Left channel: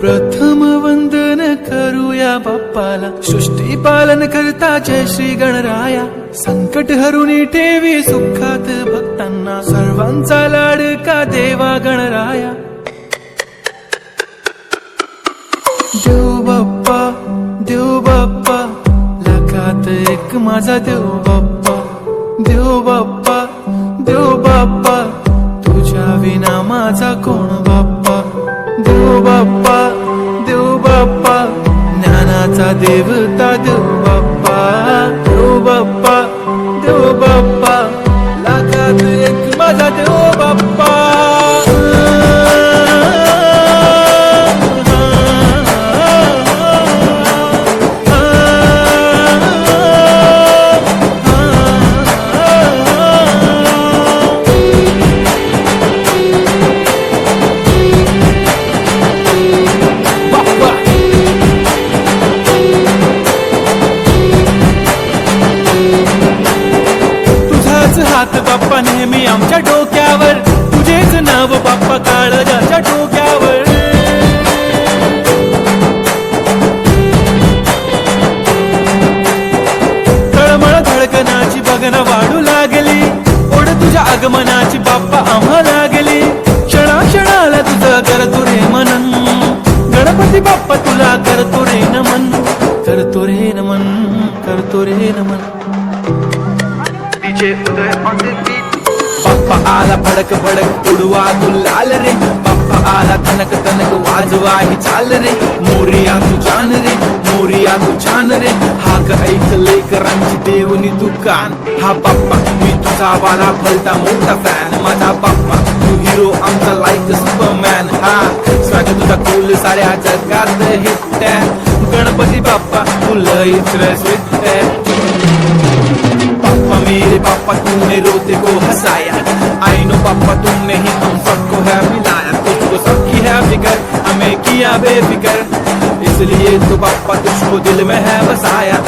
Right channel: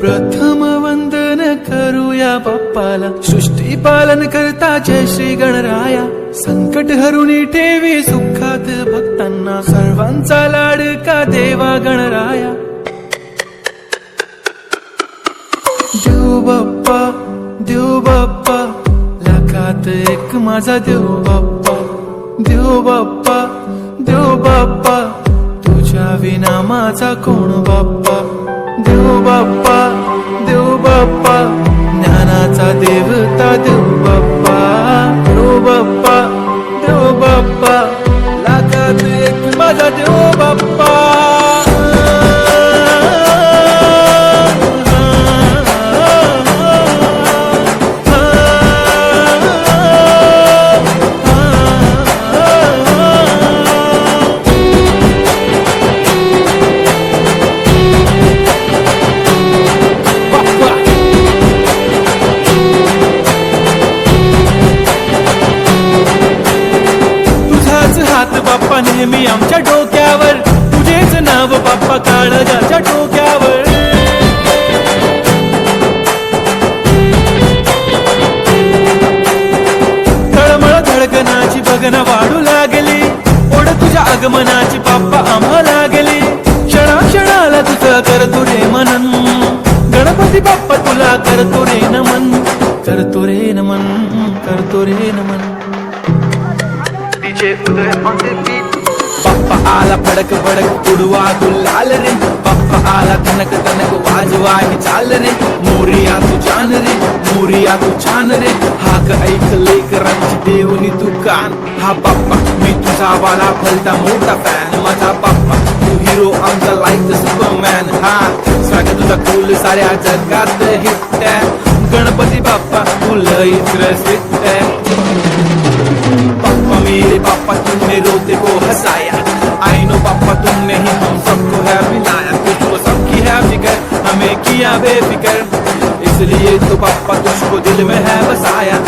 प्रथम वंदन करूया बाप्पाला, सृष्टी पालन करता जय श्री गणराया. संकट हरुनी ठेवी सुखात भक्तांना, सर्वांचा लाडका देवा गणराया. देव बाप्पा, देव बाप्पा, लाखात एक माझा देव बाप्पा. देव बाप्पा, देव बाप्पा, तुझ्या विना माझा कोण बाप्पा. देव बाप्पा, देव बाप्पा, ज्ञानाचा देवता देव बाप्पा. देव बाप्पा, देव बाप्पा, लाखात एक माझा देव बाप्पा. तुझाच हात बाप्पा नेहमी आमच्या डोक्यावर, तुझेच नाव बाप्पा काळजाच्या टोक्यावर. तळमळ धडकनाची बघन वाढू लागली, ओढ तुझ्या आगमनाची बाप्पा आम्हा लागली. क्षणाक्षणाला तुझं करतो रे मनन, गणपती बाप्पा तुला करतो रे नमन. करतो रे नमन, करतो रे नमन. DJ Uday on the beat. Bappa आला भडक भडक उडवा गुलाल रे, बाप्पा आला धनक तनक वाजवा ही चाल रे. मोरिया तू जान रे, मोरिया तू छान रे, हाक ऐक लेकरांची देवनी तू कान. हा बाप्पा मी तुझा वाला भलता मोठा फॅन, माझा बाप्पा तू हिरो आमचा लाईक सुपरमॅन. हा स्वागत तुझा कूल साऱ्या जगात हिट. गणपती बाप्पा तू लईच स्वीट. पापा मेरे पापा तूने रोते को हंसाया, आई नो पापा तुमने ही हम सबको है मिलाया. तुझको सबकी है फिकर, हमें किया बेफिकर, इसलिए तो पापा तुझको दिल में है बसाया.